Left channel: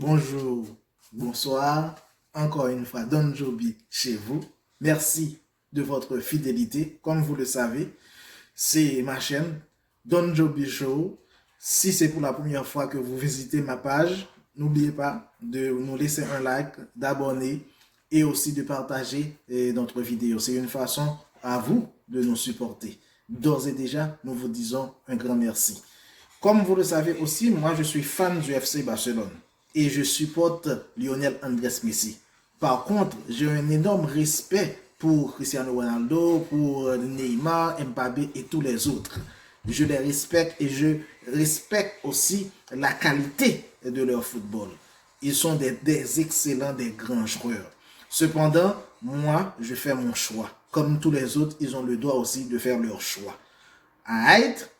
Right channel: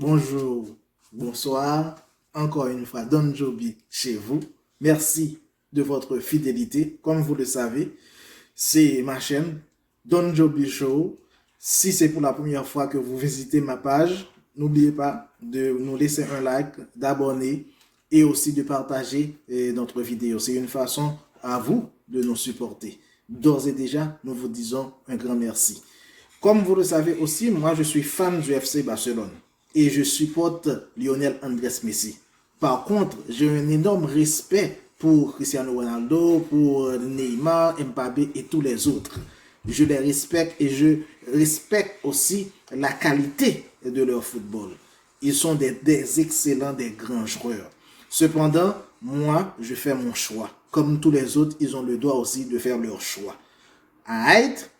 Bonjour, bonsoir, encore une fois, Don Joby chez vous. Merci de votre fidélité. Comme vous le savez, c'est ma chaîne, Don Joby Show. Si c'est pour la première fois que vous visitez ma page, n'oubliez pas de nous laisser un like, d'abonner et aussi de partager notre vidéo. C'est une façon à vous de nous supporter. D'ores et déjà, nous vous disons un grand merci. Comme vous le savez aussi, moi je suis fan du FC Barcelone et je supporte Lionel Andrés Messi. Par contre, j'ai un énorme respect pour Cristiano Ronaldo, pour Neymar, Mbappé et tous les autres. Je les respecte et je respecte aussi la qualité de leur football. Ils sont des excellents, des grands joueurs. Cependant, moi, je fais mon choix. Comme tous les autres, ils ont le droit aussi de faire leur choix. Alright?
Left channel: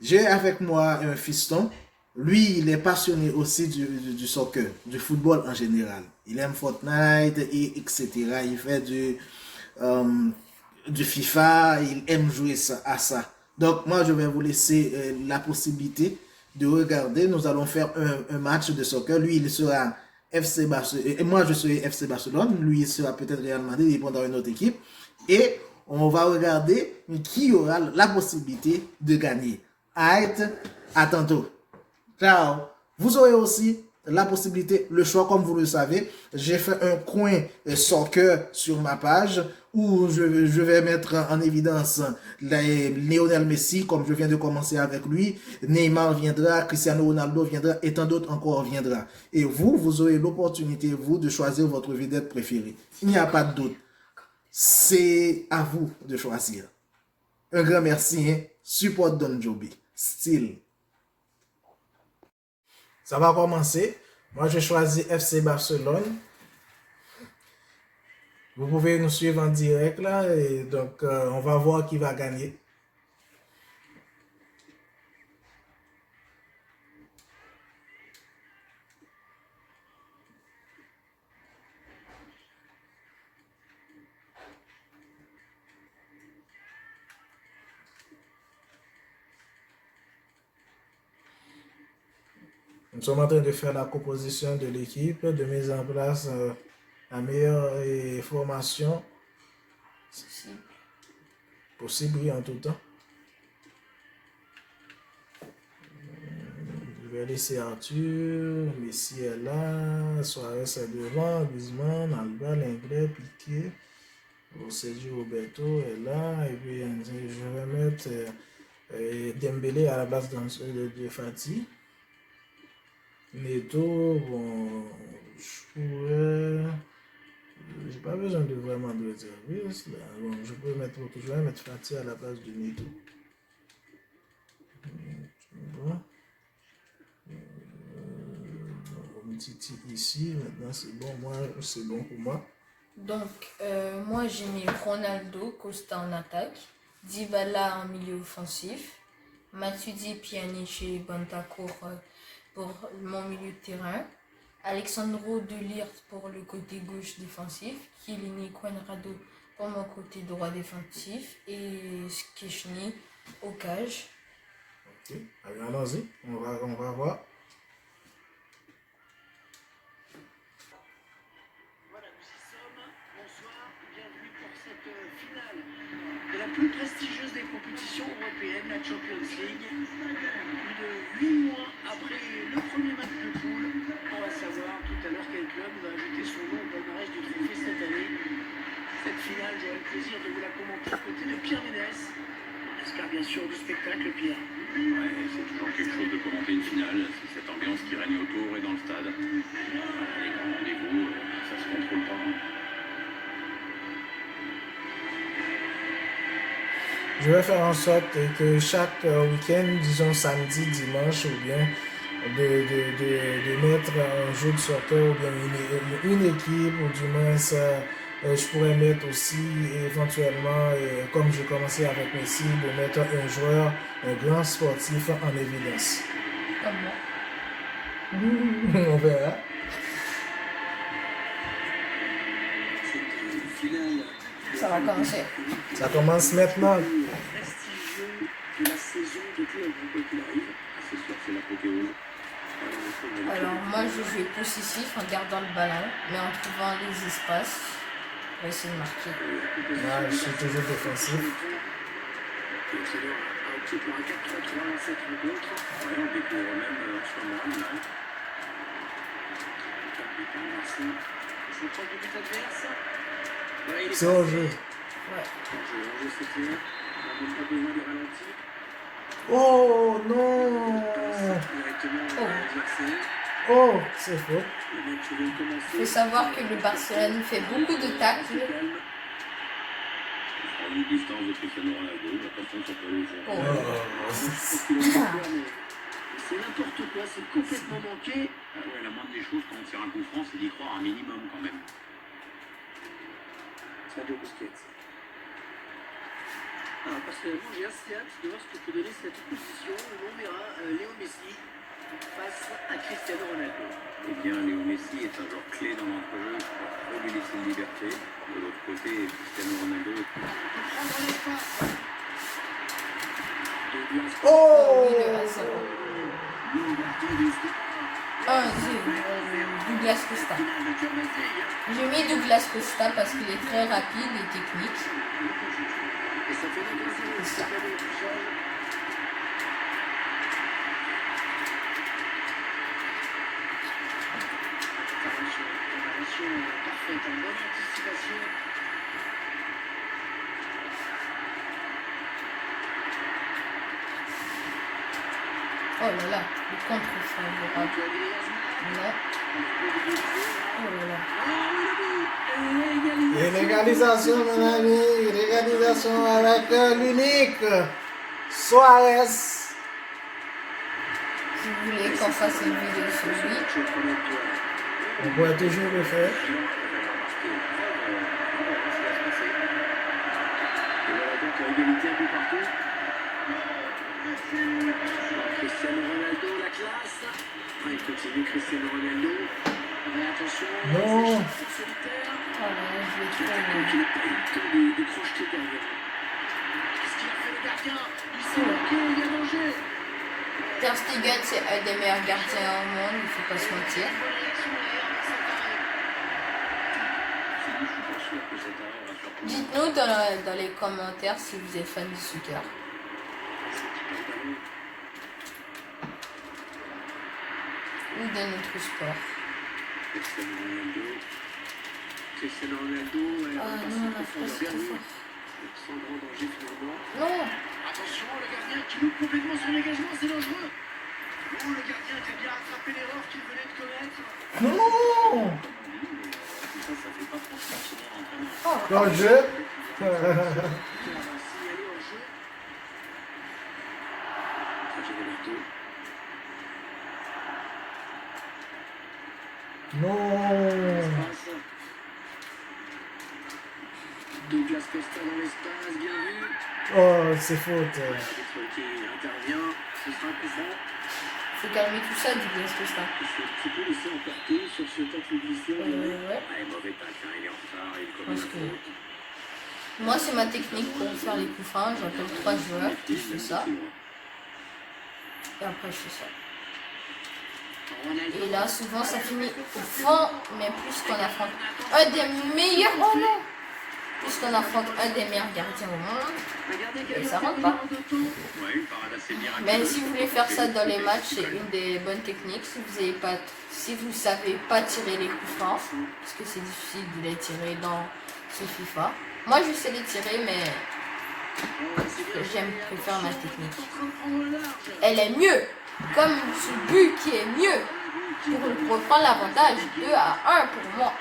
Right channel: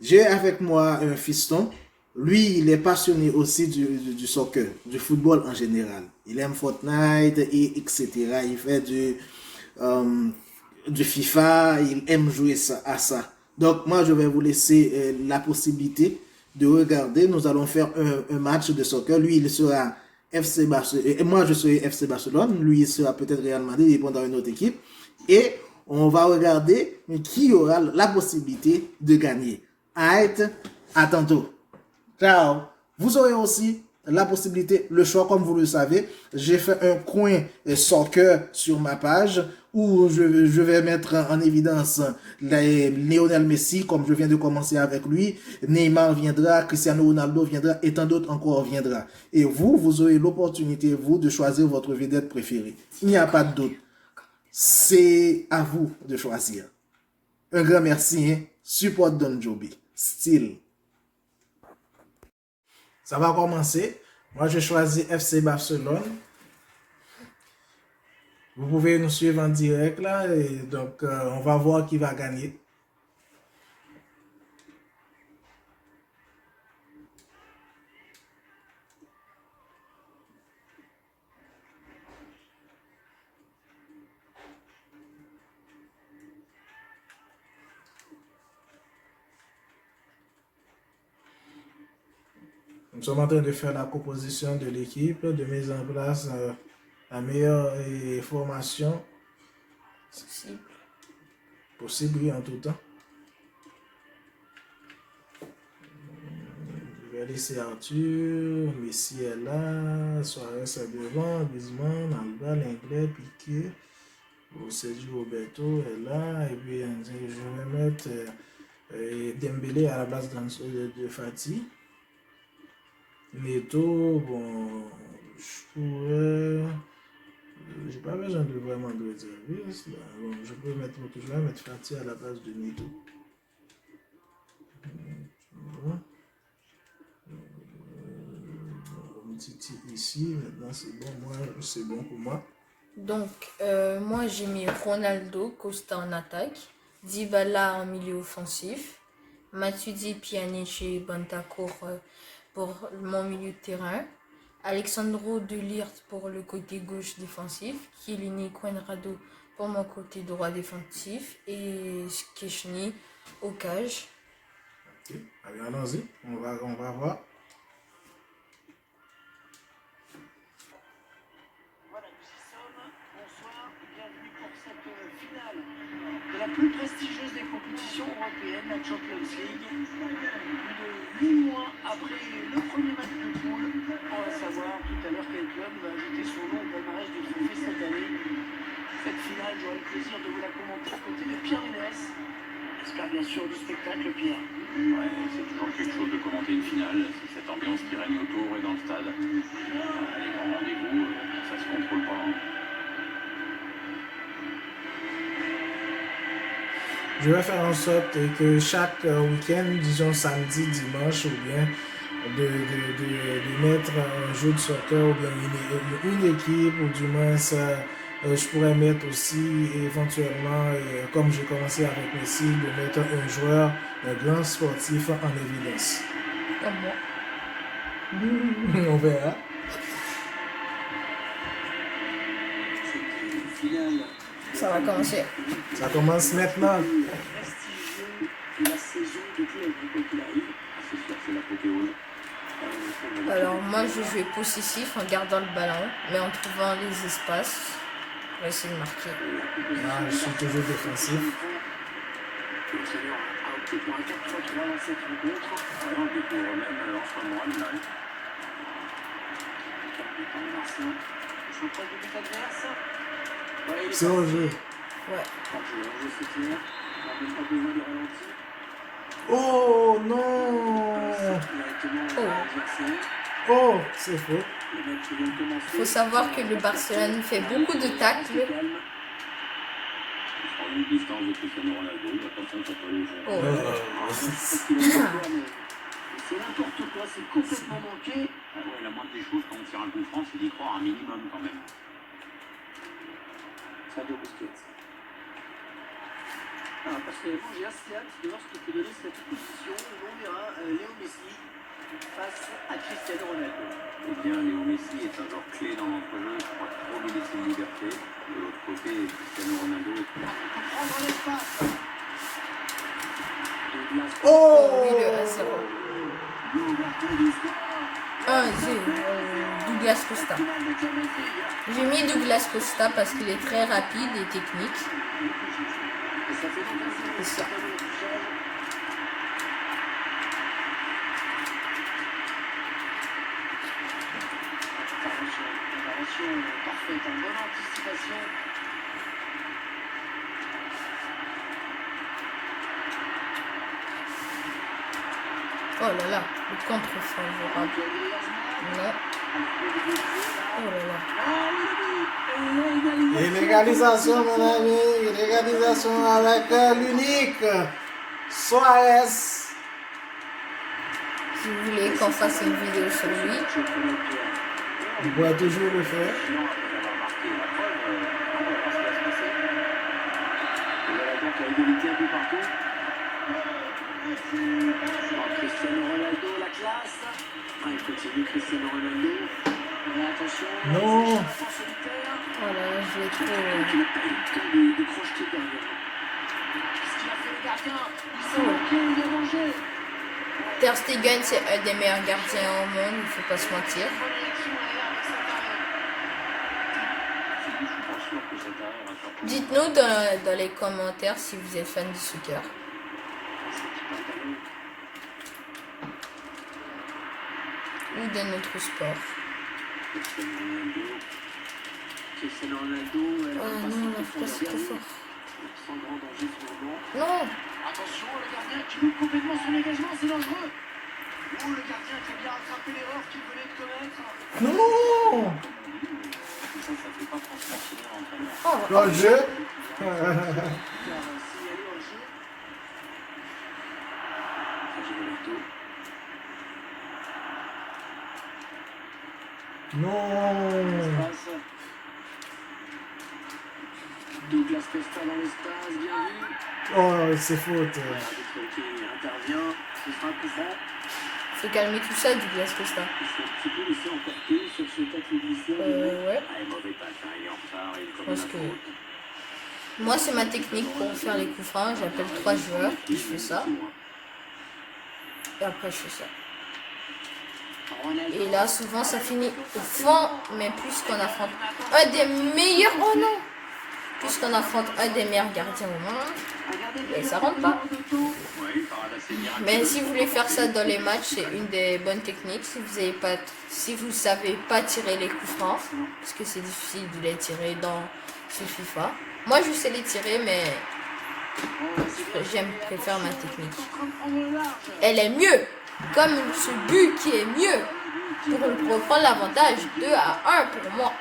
J'ai avec moi un fiston. Lui, il est passionné aussi du soccer, du football en général. Il aime Fortnite, et etc. Il fait du FIFA, il aime jouer à ça. Donc, moi, je vais vous laisser la possibilité de regarder. Nous allons faire un match de soccer. Lui, il sera FC Barcelone. Et moi, je serai FC Barcelone. Lui, il sera peut-être Real Madrid. Il prendra une autre équipe. Et on va regarder qui aura la possibilité de gagner. À tantôt. Ciao. Vous aurez aussi la possibilité, le choix, comme vous le savez. J'ai fait un coin soccer sur ma page où je vais mettre en évidence Lionel Messi, comme je viens de commencer avec lui. Neymar viendra, Cristiano Ronaldo viendra et tant d'autres encore viendra. Et vous aurez l'opportunité, vous, de choisir votre vedette préférée. Il n'y a pas de doute. C'est à vous de choisir. Un grand merci. Hein? Support Don Joby. Style. Ça va commencer. Moi, je choisis FC Barcelone. Vous pouvez nous suivre en direct là. Et donc, on va voir qui va gagner. Nous sommes en train de faire la composition de l'équipe, de mettre en place la meilleure formation possible oui, en tout temps. Je vais laisser Arthur, Messi est là, Suarez est devant, Griezmann, Alba, Lenglet, Piqué, Sergio Roberto est là, et puis je vais mettre Dembélé à la place de Fati. Neto, bon, j'ai pas besoin de vraiment de réservistes. Bon, je vais mettre Fati à la place de Neto. Bon. Titi ici, maintenant c'est bon, c'est bon pour moi. Donc, moi j'ai mis Ronaldo, Costa en attaque, Dybala en milieu offensif, Matuidi, Pjanic et Bentancur pour mon milieu de terrain, Alexandro De Ligt pour le côté gauche défensif, Chiellini, Cuadrado pour mon côté droit défensif et Szczęsny au cage. Ok, allons-y, on va voir. De la plus prestigieuse des compétitions européennes, la Champions League. Plus de 8 mois après le premier match de poule, on va savoir tout à l'heure quel club va ajouter son nom au palmarès du trophée cette année. Cette finale, j'aurai le plaisir de vous la commenter à côté de Pierre Ménès. On espère bien sûr du spectacle, Pierre. Ouais, c'est toujours quelque chose de commenter une finale, c'est cette ambiance qui règne autour et dans le stade. Les grands rendez-vous, ça se contrôle pas. Je vais faire en sorte que chaque week-end, disons samedi, dimanche, ou bien de mettre un jeu de soccer ou bien une équipe, ou du moins je pourrais mettre aussi éventuellement, comme j'ai commencé avec Messi, de mettre un joueur, un grand sportif en évidence. Comme moi. On verra. Ça va commencer. Ça commence maintenant. Prestigieux de la saison de club, quoi qu'il arrive. Ce soir, c'est l'apothéose. Alors moi je jouais possessif en gardant le ballon, mais en trouvant les espaces, on va essayer de marquer. Là, je suis toujours défensif. Le entraîneur a opté pour un 4-3-3 dans cette rencontre. On découvre même en ce moment l'image. Merci. C'est proche du but adverse. Ouais, il est C'est au jeu. Ouais. hors-jeu, c'est clair. On n'a même pas besoin de ralenti. Oh non! Directement à l'adversaire. Oh, c'est faux. Le match vient de commencer. Il faut savoir que le Barcelone fait beaucoup de tacles. Il sera à une distance de Cristiano Ronaldo. Attention, ça peut le jouer. Oh. C'est n'importe quoi, c'est complètement manqué. Ah ouais, la moindre des choses quand on tire un coup franc, c'est d'y croire un minimum quand même. Sergio Busquets. Alors, personnellement, j'ai assez hâte de voir ce que peut donner cette opposition où on verra Léo Messi face à Cristiano Ronaldo. Eh bien, Léo Messi est un joueur clé dans l'entrejeu. Il ne faut pas trop lui laisser de liberté. De l'autre côté, Cristiano Ronaldo est Il peut prendre l'espace. Douglas Oui, Oh! le 1-0. l'ouverture du score. 1-0. Douglas Costa. Finale de Champions League. J'ai mis Douglas Costa parce qu'il est très rapide et technique. Et ça fait 2-0. C'est ça. Ça fait le touchage. Préparation parfaite, en bonne anticipation. Oh là là, le contre favorable. Antoine Griezmann. Non. Oh là là. Et l'égalisation, mon ami. L'égalisation avec l'unique Suarez. Si vous voulez qu'on fasse une vidéo sur lui, On pourrait toujours le faire. Et voilà donc l'égalité un peu partout. Cristiano Ronaldo, la classe. Il continue Cristiano Ronaldo. Mais attention, Non. en solitaire. oh là là, je l'ai Il n'a trop. pas eu le temps de crocheter derrière. Qu'est-ce qu'il a fait le gardien? Il s'est marqué, il y a danger. Ter Stegen, c'est un des meilleurs gardiens au monde, il ne faut pas se mentir. Bonne réaction derrière avec cet arrêt. Je suis pas sûr que cet arrêt va faire. Dites-nous dans les commentaires si vous êtes fan du soccer. Ou de notre sport. Cristiano Ronaldo. Cristiano Ronaldo, Ah non, la France est trop fort. sans grand danger finalement. Non. Attention, le gardien qui loupe complètement son engagement, c'est dangereux. Non, le gardien qui a bien rattrapé l'erreur qu'il venait de commettre. Non! Ça fait pas franchement l'entraîneur. Oh, Dans le jeu. Qui a signalé en jeu. Sergio Roberto. Non! Passe. Douglas Costa dans l'espace, bien vu. Oh, c'est faute. L'arbitre qui intervient, ce sera un coup franc. faut calmer tout ça, Douglas Costa. Il s'est un petit peu laissé emporter sur ce tacle glissant. Ouais. Ah, mauvais passe, hein, il est en retard. Il Je pense que moi, c'est ma technique pour faire les coups francs. J'appelle 3 joueurs et je fais ça. Et après, je fais ça. Ronaldo. Et là, souvent, ça finit au fond, mais puisqu'on affronte un des meilleurs, oh non, puisqu'on affronte un des meilleurs gardiens au monde. Regardez Et ça rentre pas. de temps. Ouais, une parade assez miraculeuse. Mais si vous voulez faire ça dans les matchs, c'est une des bonnes techniques. Si vous savez pas tirer les coups francs, parce que c'est difficile de les tirer dans ce FIFA. Moi, je sais les tirer, mais préfère ma technique. Elle est mieux, comme ce but qui est mieux, pour reprendre l'avantage 2-1 pour moi,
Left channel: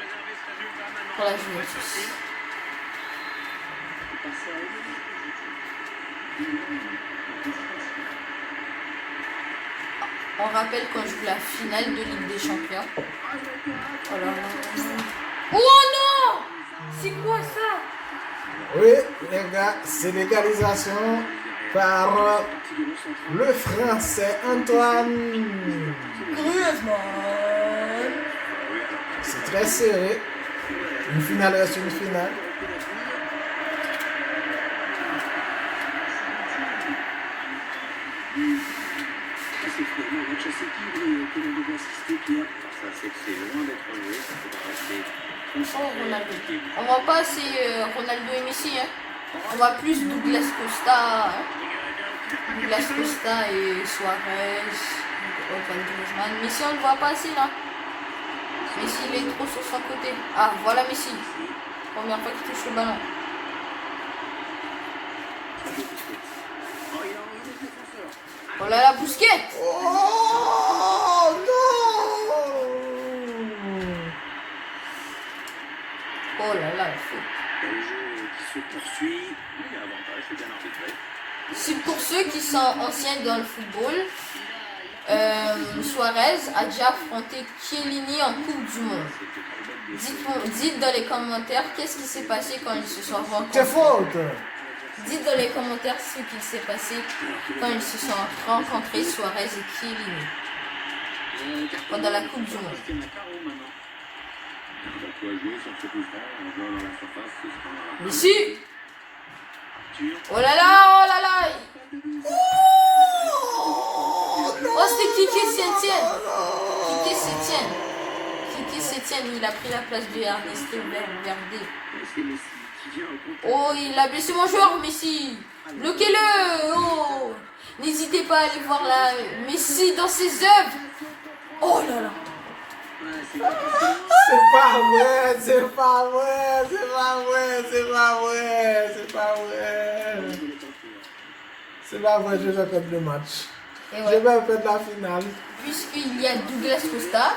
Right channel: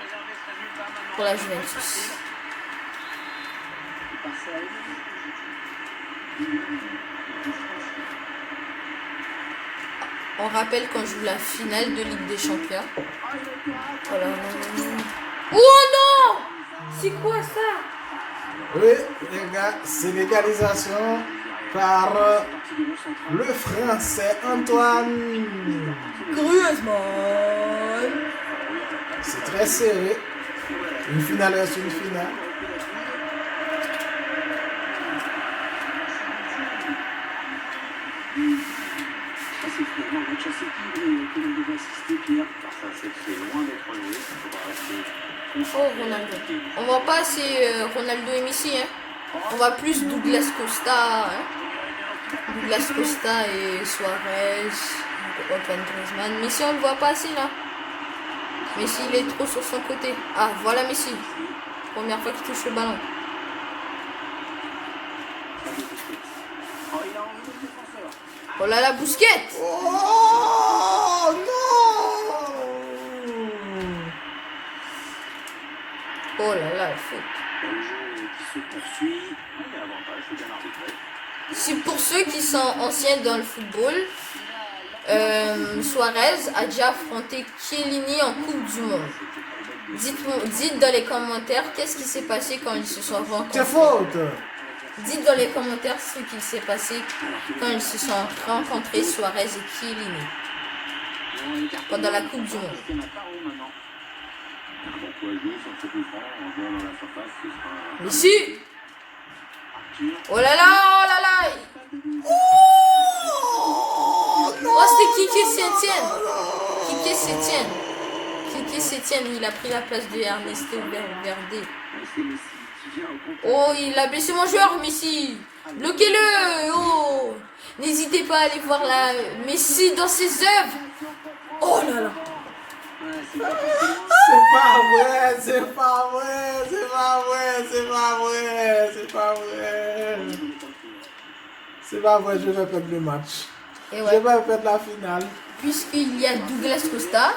pour la Juventus. On rappelle qu'on joue la finale de Ligue des Champions. Voilà. Oh non! C'est quoi ça? Oui, les gars, c'est l'égalisation par le Français Antoine. Griezmann. C'est très serré. Une finale est une finale. C'est finalement match assez équilibré que l'on devrait assister, Pierre. Ça, c'est que c'est loin d'être joué. Il faudra rester Oh, Ronaldo. On voit pas assez Ronaldo et Messi. Hein. On voit plus Douglas Costa. Hein. Douglas Costa et Suarez, Antoine Griezmann. Messi, on le voit pas assez là. Messi, il est trop sur son côté. Ah, voilà Messi. Première fois qu'il touche le ballon. Oh, il a envoyé le défenseur. Oh là là, Busquets. Oh non! Oh là là, le foot. Le jeu qui se poursuit. Il y a avantage, c'est bien arbitré. C'est pour ceux qui sont anciens dans le football. Suarez a déjà affronté Chiellini en Coupe du Monde. Dites dans les commentaires qu'est-ce qui s'est passé quand ils se sont C'est rencontrés. faute! Dites dans les commentaires ce qui s'est passé quand ils se sont rencontrés, Suarez et Chiellini, pendant la Coupe du Monde. Il y en a pas haut maintenant. Pourquoi jouer sur ce coup franc en jouant dans la surface, ce sera... Messi. Arthur. Oh là là, oh là là. Oh, c'était Kike Sétienne. Kike Sétienne. Kike Sétienne, il a pris la place de Ernesto Valverde. C'est Messi qui vient au contact. Oh, il a blessé mon joueur, Messi. Bloquez-le. Oh. N'hésitez pas à aller voir la Messi dans ses œuvres. Oh là là. Ouais, c'est pas facile. C'est pas vrai, c'est pas vrai, c'est pas vrai, c'est pas vrai, c'est pas vrai. C'est pas vrai, je vais perdre le match. Et Je ouais, vais perdre la finale. puisqu'il y a Douglas Costa,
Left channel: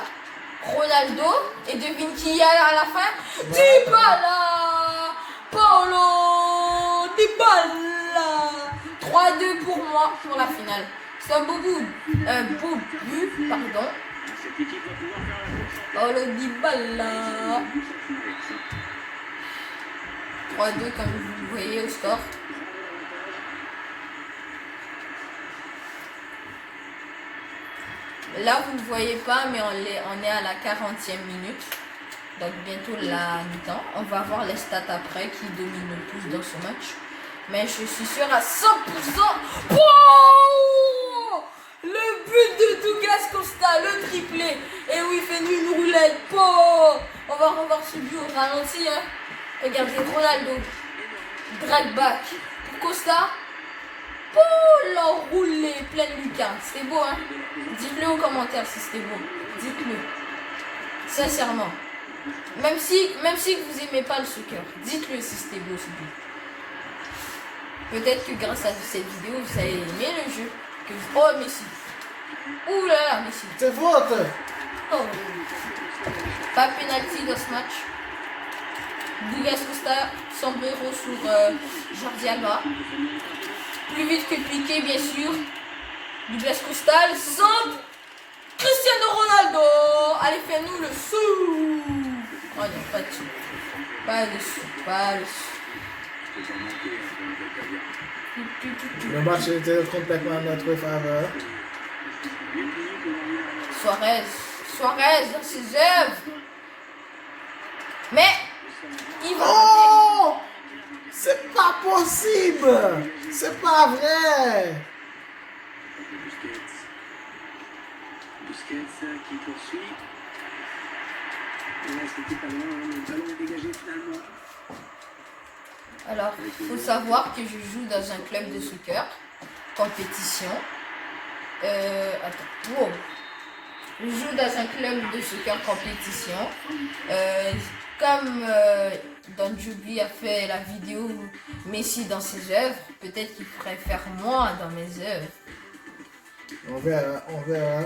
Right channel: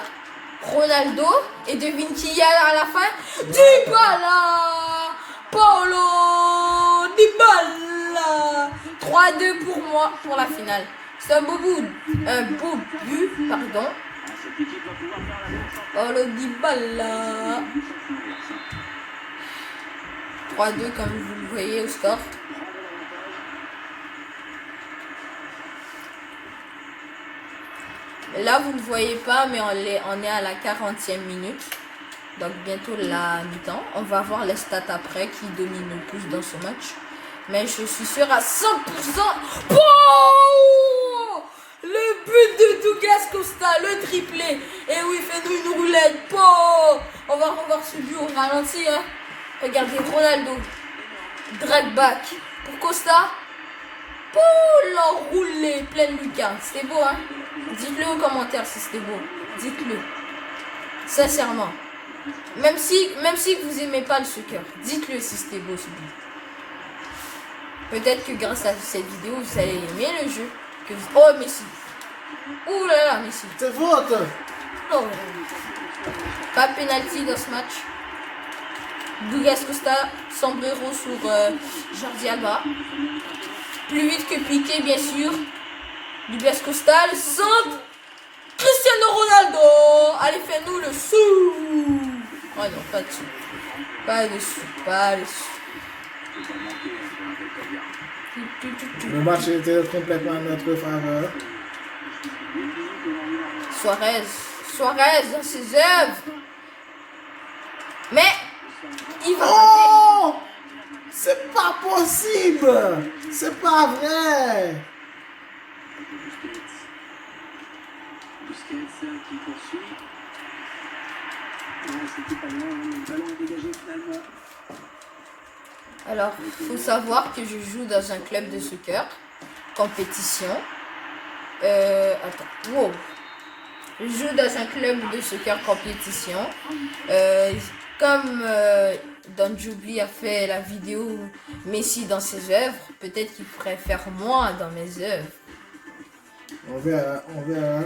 Ronaldo, et devine qui y a à la fin? Dybala! Paulo Dybala! 3-2 pour moi pour la finale. C'est un beau but, pardon. Cette équipe va pouvoir faire la course. Paulo Dybala. 3-2 comme vous le voyez au score. Là, vous ne le voyez pas, mais on est à la 40e minute. Donc, bientôt la mi-temps. On va voir les stats après qui domine le plus dans ce match. Mais je suis sûr à 100%. Oh, le but de Douglas Costa, le triplé. Et oui, il fait une roulette. Oh, on va revoir ce but au ralenti. Hein. Regardez, Ronaldo. Drag back pour Costa. Oh, l'enroulé, pleine lucarne. C'était beau, hein? Dites-le en commentaire si c'était beau. Dites-le. Sincèrement. Même si vous aimez pas le soccer, dites-le si c'était beau ce but. Peut-être que grâce à cette vidéo, vous allez aimer le jeu. Oh, Messi. Ouh là là, Messi. C'est faute! Oh. Pas penalty dans ce match. Douglas Costa, sombrero sur Jordi Alba. Plus vite que Piqué, bien sûr. Douglas Costa, le centre. Cristiano Ronaldo. Allez, fais-nous le sou. Oh non, pas dessus. Pas dessus, pas dessus. Le match était complètement à notre faveur. Suarez dans ses œuvres. Mais il va. Oh! C'est pas possible! C'est pas vrai! Busquets qui poursuit. Ouais, c'était pas loin, le ballon est dégagé finalement. Alors, il faut savoir que je joue dans un club de soccer, compétition. Attends, wow. Je joue dans un club de soccer compétition. Comme Don Joubli a fait la vidéo Messi dans ses œuvres, peut-être qu'il préfère moi dans mes œuvres. On verra, on verra.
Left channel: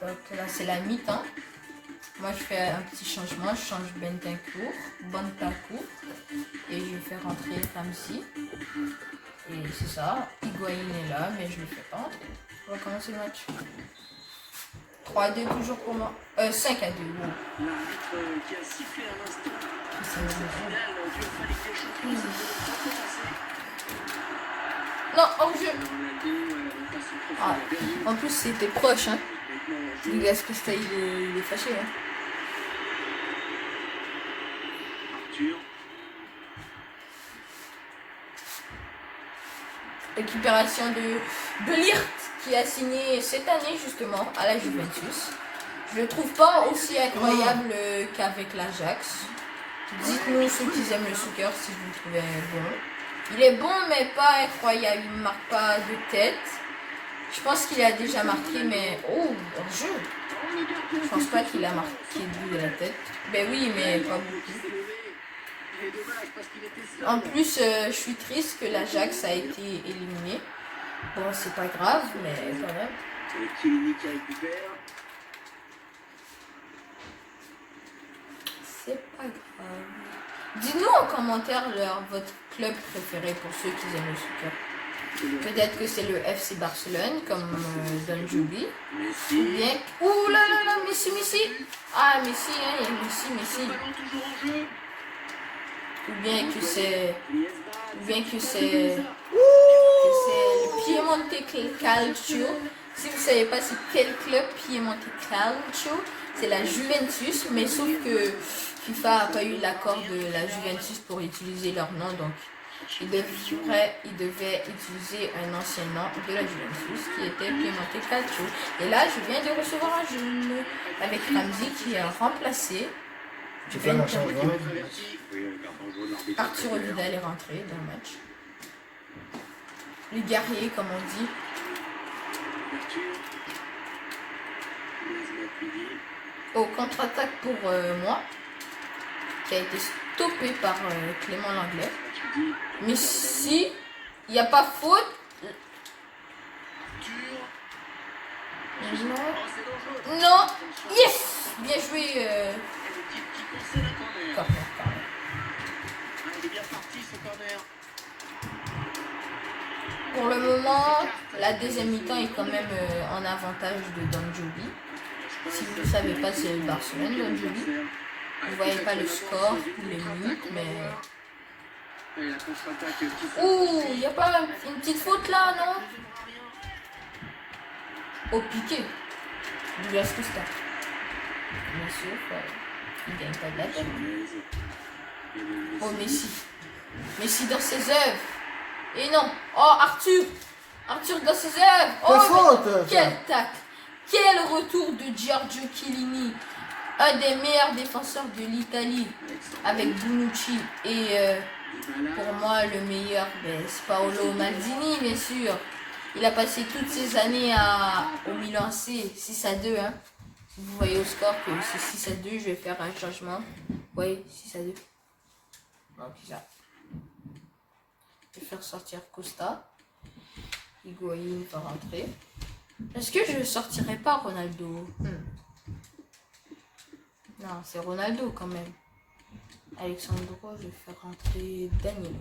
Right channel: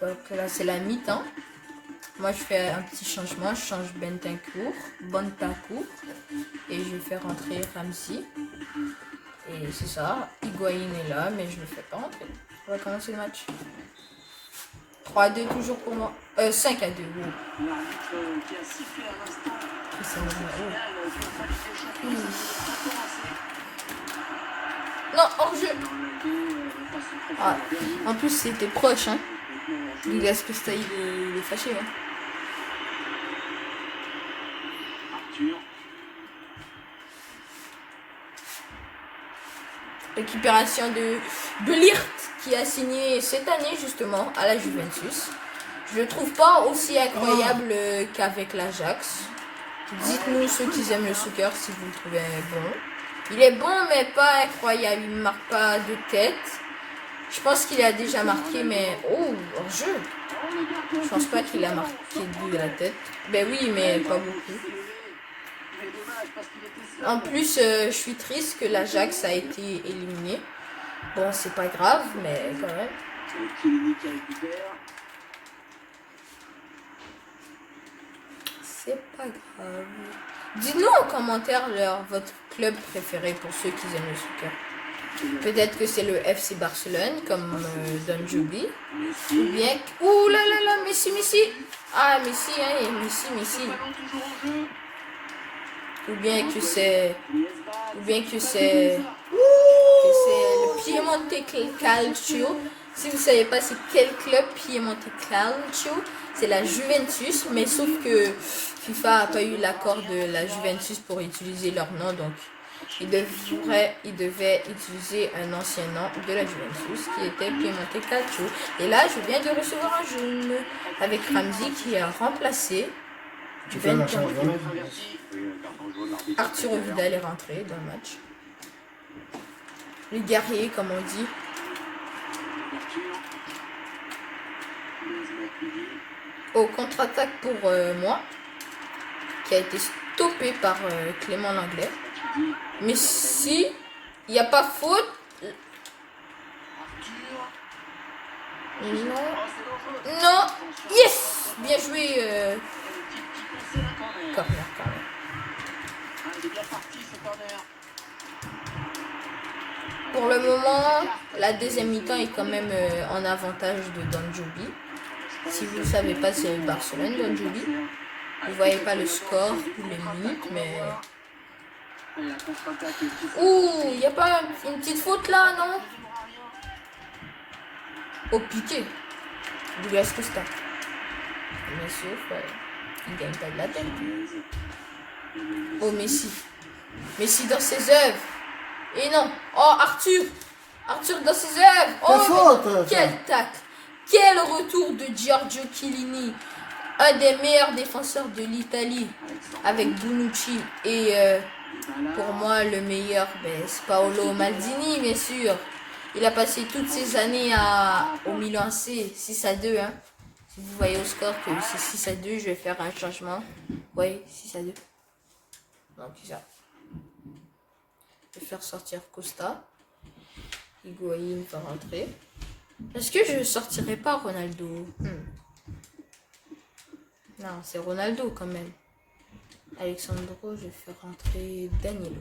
Donc là, c'est la mi-temps. Moi, je fais un petit changement. Je change Bentancur, et je vais faire rentrer Ramsey. Et c'est ça. Higuaín est là, mais je ne le fais pas rentrer. On va commencer le match. 3-2 toujours pour moi. 5-2. Bon. L'arbitre qui a sifflé à l'instant. C'est un zéro. Finale du Europa Ligue des Champions, ça devait commencer. Non, hors-jeu. On passe au Ah, profond. en plus, c'était proche. Hein. Maintenant, hors-jeu. Douglas Costa, il est fâché. Hein. Arthur. récupération de Ligt qui a signé cette année justement à la Juventus. Je le trouve pas aussi incroyable qu'avec l'Ajax. Dites-nous ceux qui aiment le soccer si vous le trouvez bon. Il est bon mais pas incroyable, il ne marque pas de tête. Je pense qu'il a déjà marqué mais hors jeu. Je pense pas qu'il a marqué de la tête. Ben oui mais pas beaucoup. En plus je suis triste que l'Ajax a été éliminé. Bon c'est pas grave mais quand même. C'est pas grave. Dites-nous en commentaire votre club préféré pour ceux qui aiment le soccer. Peut-être que c'est le FC Barcelone comme Don Joby. Ou bien... Ouh là là là, Messi. Ah, Messi, hein, Messi. Ou bien que c'est... le Piemonte Calcio. Si vous ne savez pas c'est quel club Piemonte Calcio, c'est la Juventus. Mais sauf que FIFA n'a pas eu l'accord de la Juventus pour utiliser leur nom. Donc il devait utiliser un ancien nom de la Juventus qui était Piemonte Calcio. Et là, je viens de recevoir un jeune avec Ramsey qui a remplacé. Arturo Vidal est rentré dans le match. Les guerriers, comme on dit. Au contre-attaque pour moi, qui a été stoppé par Clément Langlais. Mais si il n'y a pas faute. Non. Yes. Bien joué. Corner. Pour le moment, la deuxième mi-temps est quand même en avantage de Don Joby. Si vous ne savez pas, c'est le Barcelone, Don Joby. Vous ne voyez pas le score ou les minutes, mais... Ouh, il n'y a pas une petite faute là, non? Au piqué. Douglas Costa. Bien sûr, il ne gagne pas de la tête. Oh, Messi. Messi dans ses œuvres. Et non. Oh, Arthur dans ses œuvres. Oh, quel tacle. Quel retour de Giorgio Chiellini. Un des meilleurs défenseurs de l'Italie. Avec Bonucci. Et pour moi, le meilleur, c'est Paolo Maldini, bien sûr. Il a passé toutes ces années au Milan AC. 6-2. Hein. Si vous voyez au score que c'est 6-2, je vais faire un changement. Oui, 6-2. Donc, ça. Je vais faire sortir Costa. Higuaín va rentrer. Est-ce que je ne sortirai pas Ronaldo? Non, c'est Ronaldo quand même. Alexandro, je vais faire rentrer Danilo.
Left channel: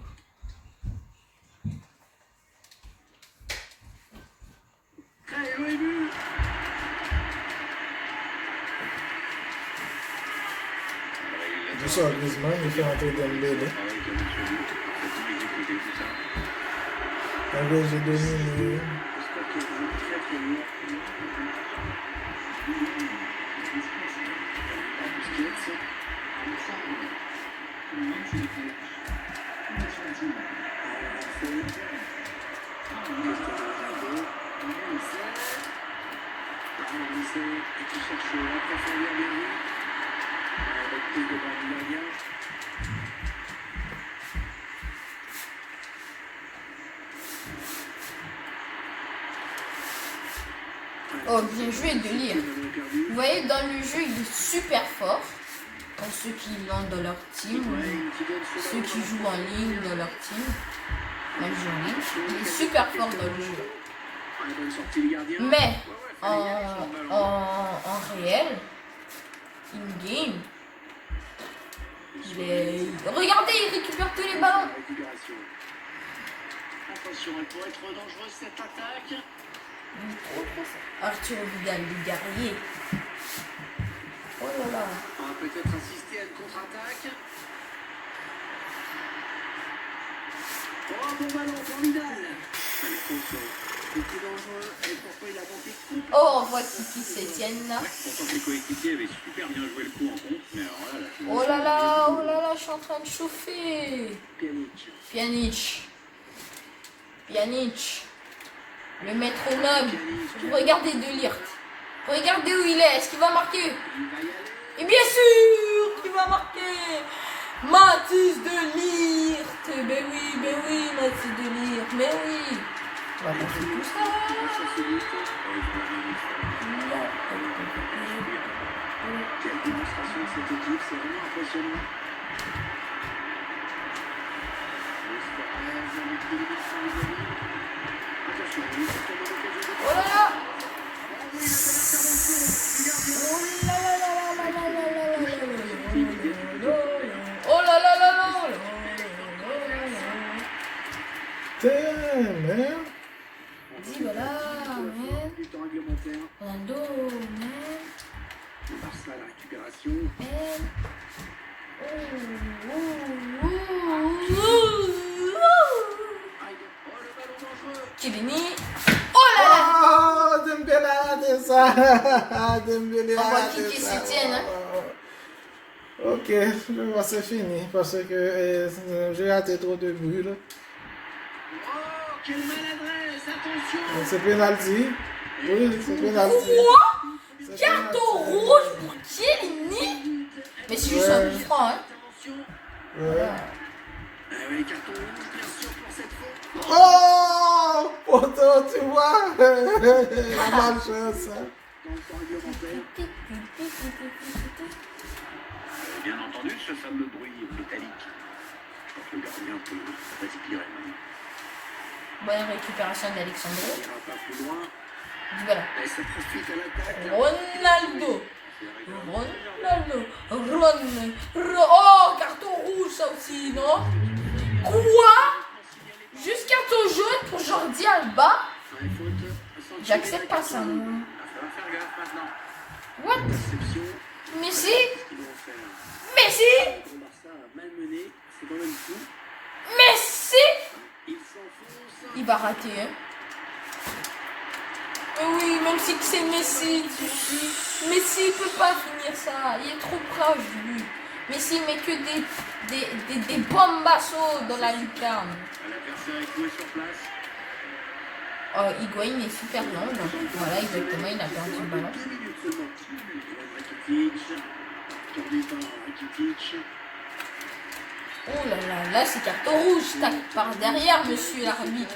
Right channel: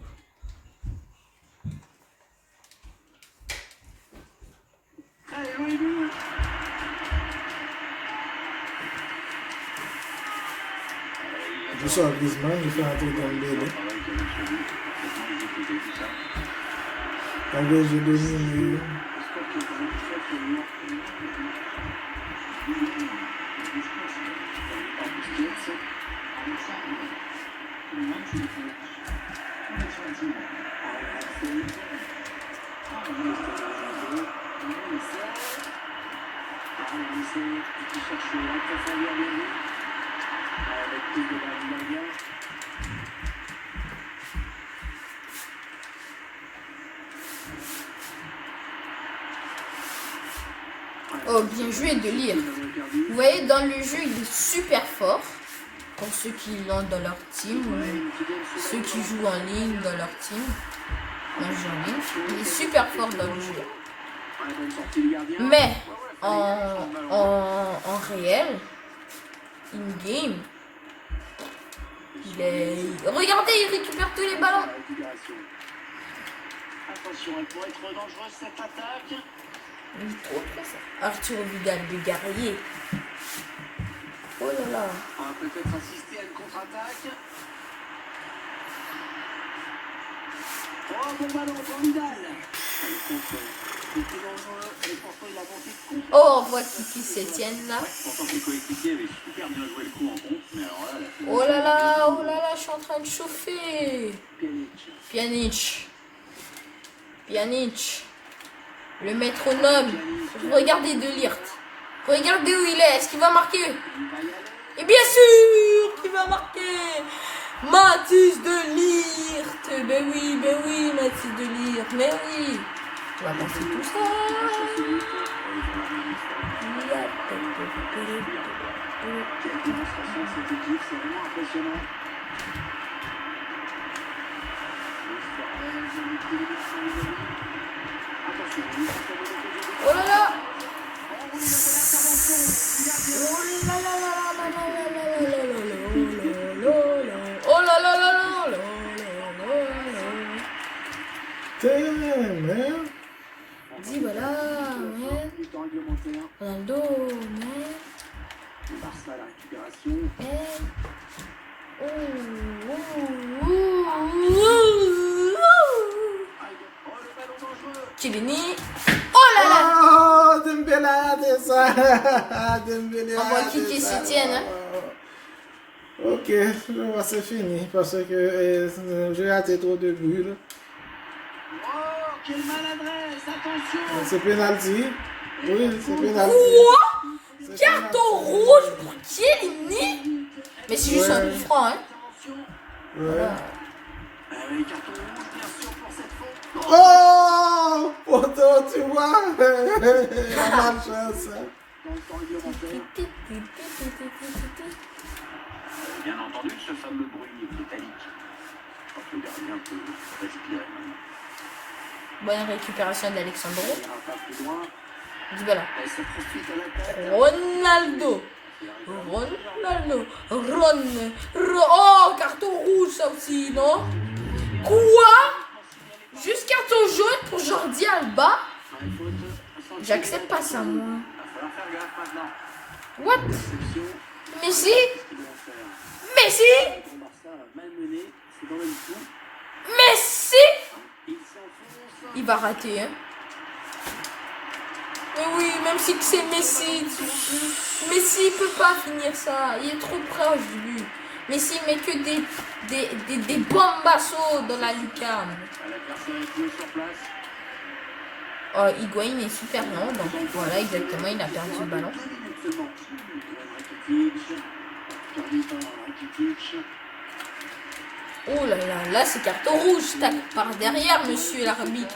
Je sors Griezmann, il fait rentrer Dembélé. En vrai, je domine. Oh, bien joué de lire. Vous voyez, dans le jeu, il est super fort. Pour ceux qui l'ont dans leur team, ou ceux qui jouent en ligne dans leur team. Moi, il est super fort dans le jeu. Mais, en réel, in-game, regardez, il récupère tous les ballons. Attention, elle pourrait être trop dangereuse cette attaque. Il est trop ça. Arthur Vidal, le guerrier. Oh là là. On va peut-être assister à une contre-attaque. Oh, bon ballon pour Vidal. Beaucoup dangereux. Et pourquoi il a monté. Oh, on voit Kiki s'étienne là. Pourtant ses coéquipiers avaient super bien joué le coup en contre, mais alors là... Oh là là, je suis en train de chauffer. Pjanic. Pjanic. Le métronome. Regardez De Ligt. Regardez où il est. Est-ce qu'il va marquer? Et bien sûr qu'il va marquer. Mathis De Ligt. Ben oui, Mathis De Ligt. Mais oui. On va passer tout ça. Quelle démonstration de cette équipe, c'est vraiment impressionnant. Attention, il s'est fait l'occasion de... Oh là là. Oh là là là là là. Damn, man. Dis voilà, man. Du temps réglementaire, Ronaldo, man. le Barça à la récupération. Man. Oh, oh, oh, oh. Oh, le ballon dangereux. Chiellini. Oh là là. Oh, Dembélé a fait ça. Dembélé On va a fait kicker ça. Sétienne, hein. Ok, c'est fini parce que j'ai raté trop de buts. Là. Oh, quelle maladresse, attention. C'est penalty. Oui, c'est penalty. Quoi? C'est Carton penalty. rouge pour Chiellini. Mais c'est juste un coup franc, hein. Attention. Ouais. Oui, carton rouge, bien sûr, pour cette faute. Oh, poto, tu vois. La malchance. Dans le temps réglementaire. Bien entendu, ce fameux bruit métallique. Je crois que le gardien peut respirer maintenant. Bonne récupération d'Alexandro. Il ira pas plus loin. Dybala. Et ça profite à l'attaque. Ronaldo. Oh, carton rouge ça aussi, non? Quoi? Juste carton jaune pour Jordi Alba? Ouais, faute. J'accepte pas ça, moi. Il va falloir faire gaffe maintenant. What? Déception. Messi? Ils vont faire. Messi? Le Barça malmené, c'est dans le coup. Messi? Il s'enfonce. Il va rater, hein? Mais oui, même si c'est Messi, Messi il peut pas finir ça. Il est trop proche, lui. Messi met que des bombassos dans la lucarne. L'adversaire est joué sur place. Higuaín est super lent, donc voilà, exactement, il a perdu le ballon. 2 minutes seulement. Ivan Rakitic. Perdu par Rakitic. Oh là là, là c'est carton rouge, tac, par derrière, monsieur l'arbitre.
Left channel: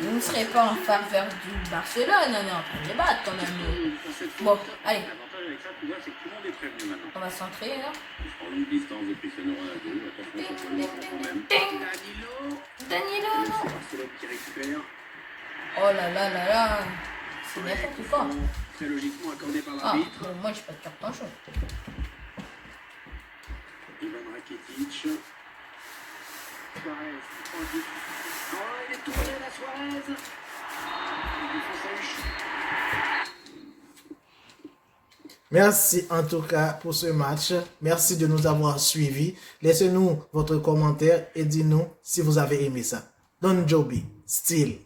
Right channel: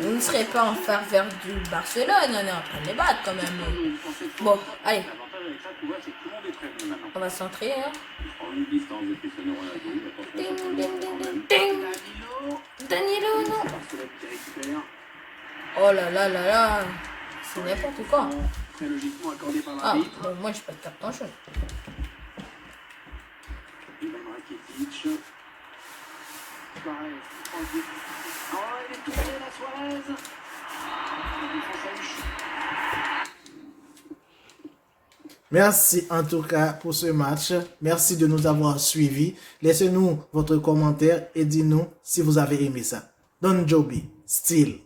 Vous ne serez pas en faveur du Barcelone, on est en train de les battre quand même. Bon, allez, L'avantage avec ça, tu vois, c'est que tout le monde est prévenu maintenant. on va centrer, hein. Je prends une distance de Cristiano Ronaldo. Attention, ça peut Ding, le ding, quand ding, même. ding. Danilo. Danilo, non. Barcelone qui récupère. Oh là là là là, c'est n'importe quoi. Très logiquement accordé par Ah, l'arbitre. bon, moi j'ai pas de carton jaune. Ivan Rakitic. Suarez. Oh, il est tombé la Suarez. Défense à Huche. Merci en tout cas pour ce match. Merci de nous avoir suivis. Laissez-nous votre commentaire et dites-nous si vous avez aimé ça. Don Joby, still.